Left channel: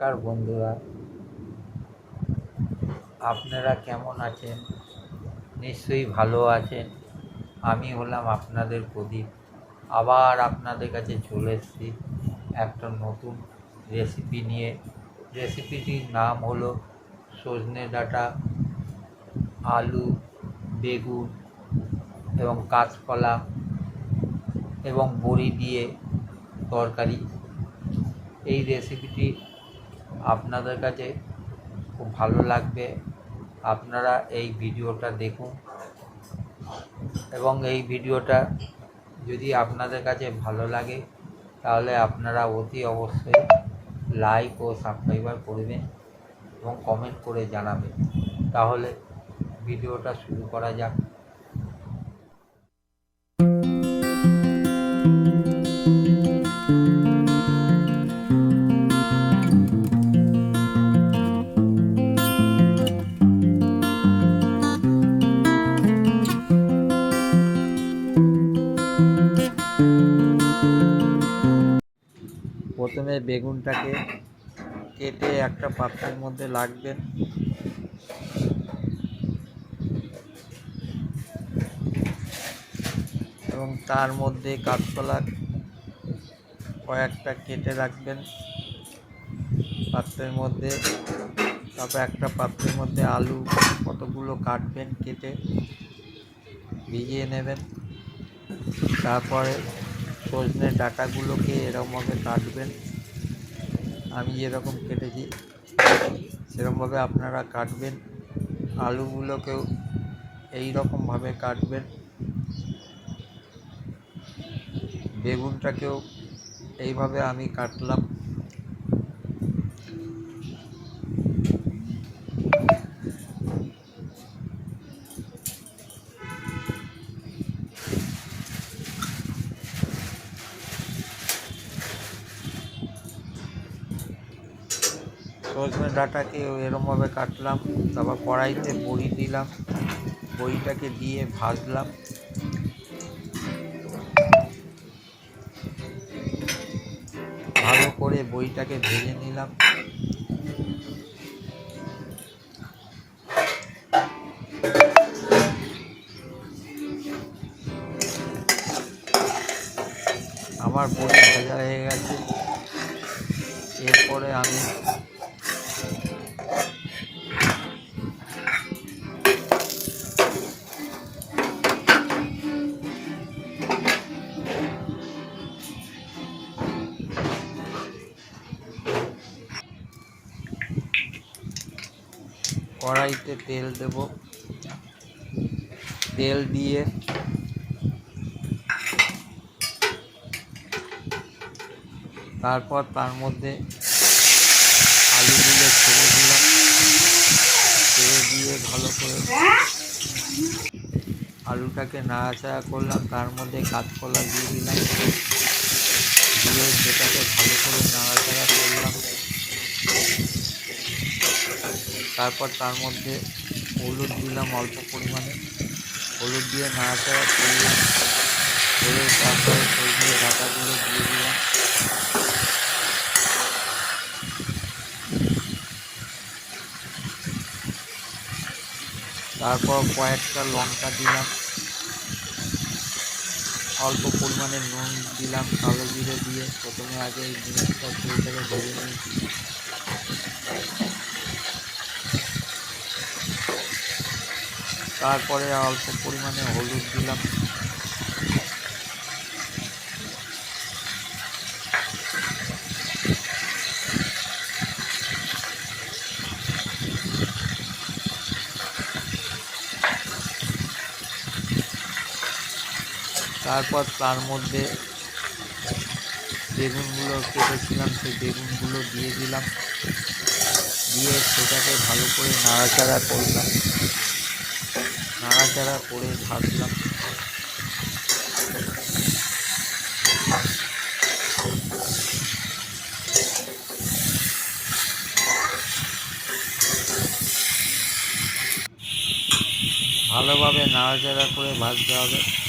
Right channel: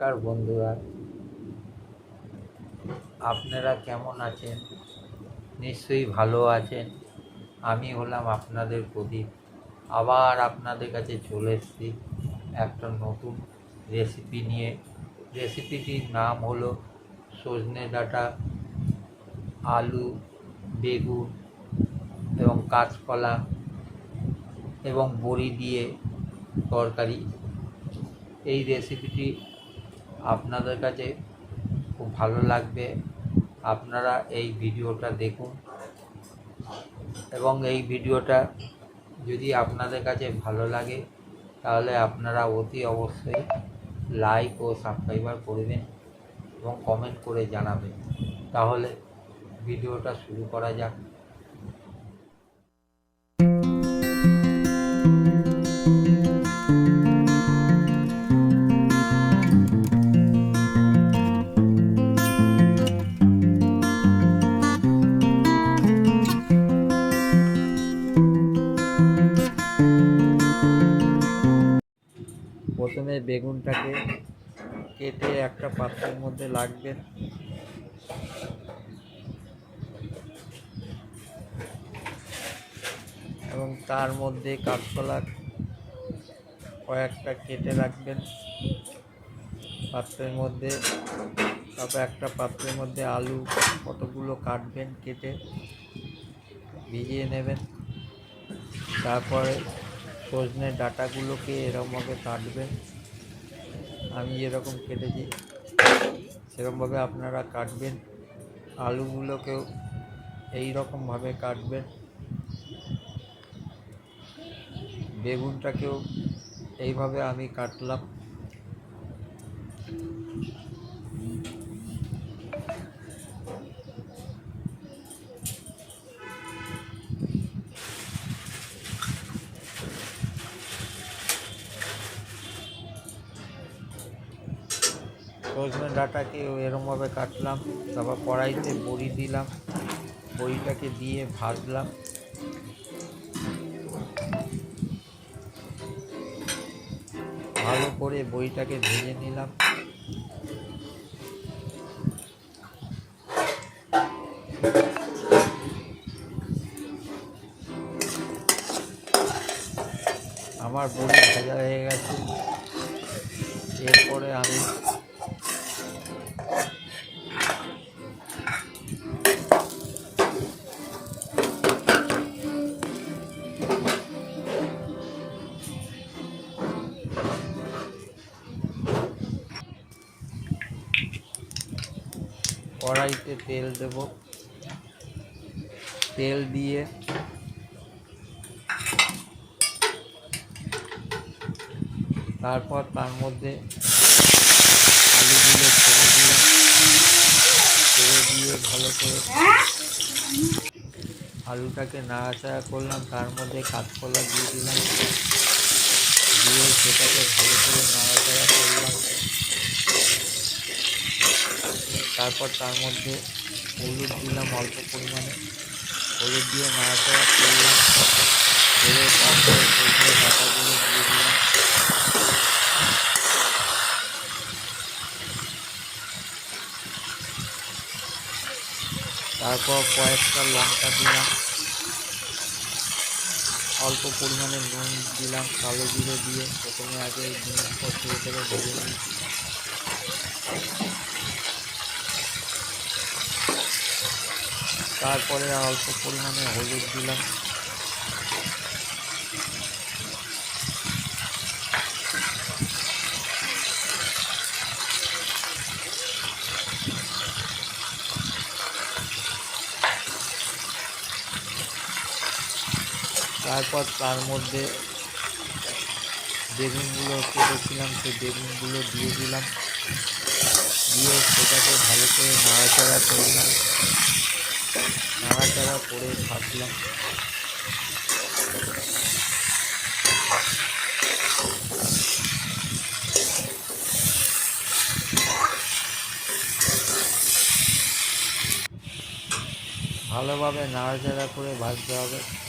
নমস্কার বন্ধুরা। আপনারা কেমন আছেন? নিশ্চয়ই ভালো আছেন। আমি হলাম আপনাদের প্রদীপ। আবার আপনাদের কাছে চলে এসেছি একটা নতুন রেসিপি নিয়ে। রেসিপিটির নাম হলো সজনে ডাঁটা, আলু, বেগুন এবং কাঁচকলা এবং বড়ি দিয়ে তরকারি। এই রেসিপিটি আপনাদের কাছে খুব ভালো লাগবে। আপনারা এই ভিডিওটা দেখুন। এবং এই ভিডিওটা যদি আপনাদের কাছে ভালো লাগে, তাহলে আপনারা অতি অবশ্যই লাইক ও সাবস্ক্রাইবার করবেন এবং কমেন্ট করে জানাবেন। তাহলে ভিডিওটা শুরু করা যাক। প্রথমে বেগুনটাকে কেটে একটা পাত্রের মধ্যে লাগবেন এবং তার মধ্যে কাঁচকলা কয়েকটা কেটে রাখবেন পাত্রের মধ্যে। তারপর একটা পাত্রের মধ্যে আলু কতগুলো কাটবেন কেটে ভিজিয়ে নেবেন। তারপরে সজনে ডাটাগুলোকে এরকমভাবে কাটবেন। আমি যেরকম কেটেছি সেরকমভাবে আপনারা কাটবেন। আলুগুলোকেও এই রকমভাবে কাটবেন। বেগুনটাকেও এইভাবে আমি কাটলাম। সজনে ডাঁটাকে এরমভাবে কাটলাম, তারপর কড়াইতে বড়ি দিলাম, বড়িটাকে দিয়ে ভাজলাম। ভালো করে বইটাকে ভেজে নিলাম। আমার বড়ি ভাজা হয়ে গেছে। এরপরে আমি কড়াইতে তেল দেব। তেল দিয়ে তারপর তার মধ্যে আলুগুলো ছেড়ে দিলাম। ছেড়ে দিয়ে ভালো করে আলুটাকে নাড়াচাড়া করলাম। তার মধ্যে কাঁচকলা দিয়ে দিলাম। দিয়ে সেটাকে ভালো করে নাড়াচাড়া করলাম। তারপর তার মধ্যে হলুদ দিলাম অল্প পরিমাণে। হলুদ দিয়ে নাড়াচাড়া করলাম। করে তারপরে সজনে ডাঁটাগুলো দিয়ে দিলাম। তারপর কয়েকটা লঙ্কা দিলাম। অল্প পরিমাণে নুন দিলাম কালো জিরে দিয়ে। প্রথমে আগে এই জিনিসটা তেলটাকে ভেজে নিয়েছি তারপরে অল্প পরিমাণে হলুদ দিলাম। তারপর তার মধ্যে বেগুনগুলো কেটেছিলাম, সেই বেগুনগুলো দিয়ে দিলাম। দিয়ে সেটাকে ভালো করে নাড়াচাড়া করলাম। নাড়াচাড়া করে ভাজলাম। ভালোভাবে নাড়াচাড়া করে ভাজতে হবে।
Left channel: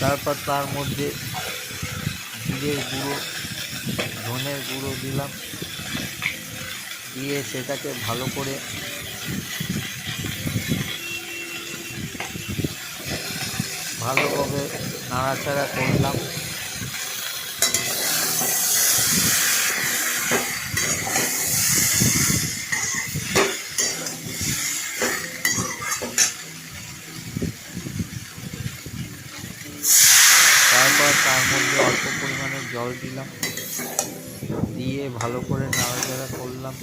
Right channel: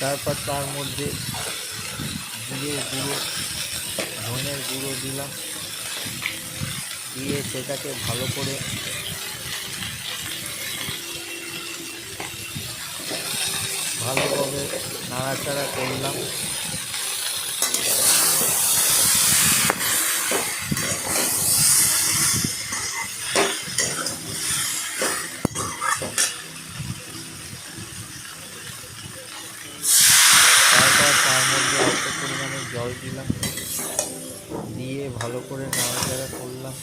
তারপর তার মধ্যে জিরের গুঁড়ো, ধনের গুঁড়ো দিলাম। দিয়ে সেটাকে ভালো করে ভালোভাবে নাড়াচাড়া করলাম তারপর তার মধ্যে অল্প পরিমাণে জল দিলাম। দিয়ে ভালো করে নাড়াচাড়া করলাম।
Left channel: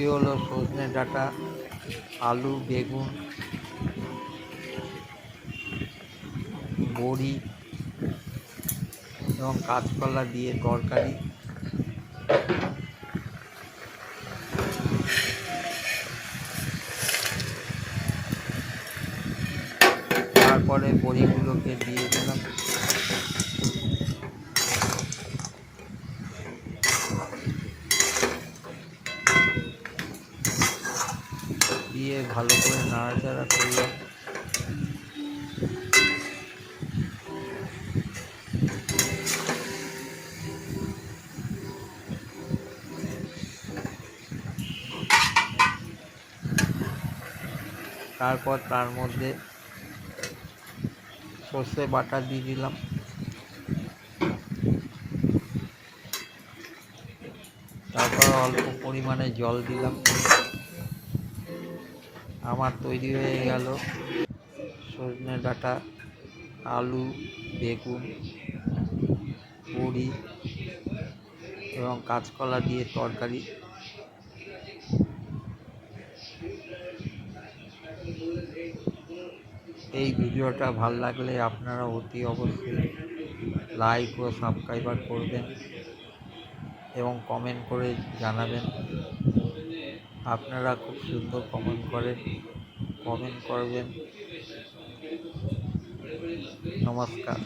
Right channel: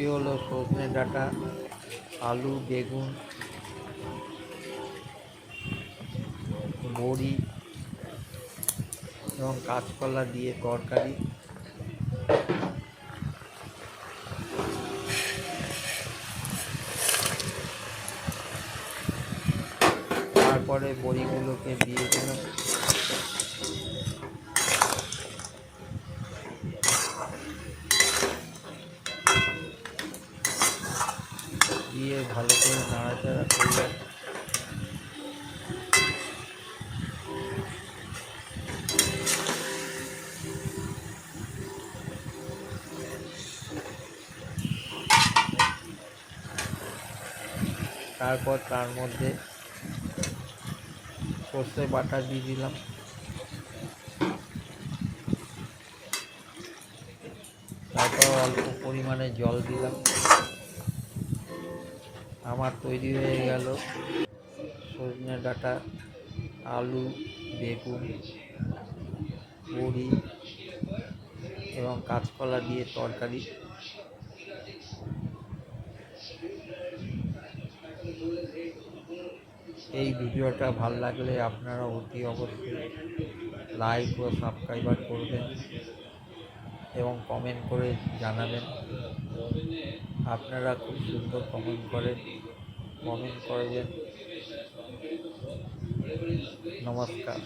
এটি হলো সজনে ডাটা, আলু, বেগুন, বড়ি এবং কাঁচকলা দিয়ে তরকারি। তারপরে বড়িগুলোকে দিয়ে দিলাম দিয়ে ভালো করে নাড়াচাড়া করলাম তারপর তার মধ্যে সর্ষে বাটা দিয়ে দিলাম। তারপর অল্প পরিমাণে জল দিলাম। আমার তৈরি হয়ে গেল সজনে ডাঁটা, আলু, বেগুন, পুরি এবং কাঁচকলা দিয়ে তরকারি। এই ভিডিওটা ভালো লাগলে আপনারা অতি অবশ্যই লাইক ও সাবস্ক্রাইবার করবেন। এবং কমেন্ট করে জানাবেন। আপনারা খুব সুন্দর কমেন্ট করেন কমেন্ট করবেন। নমস্কার।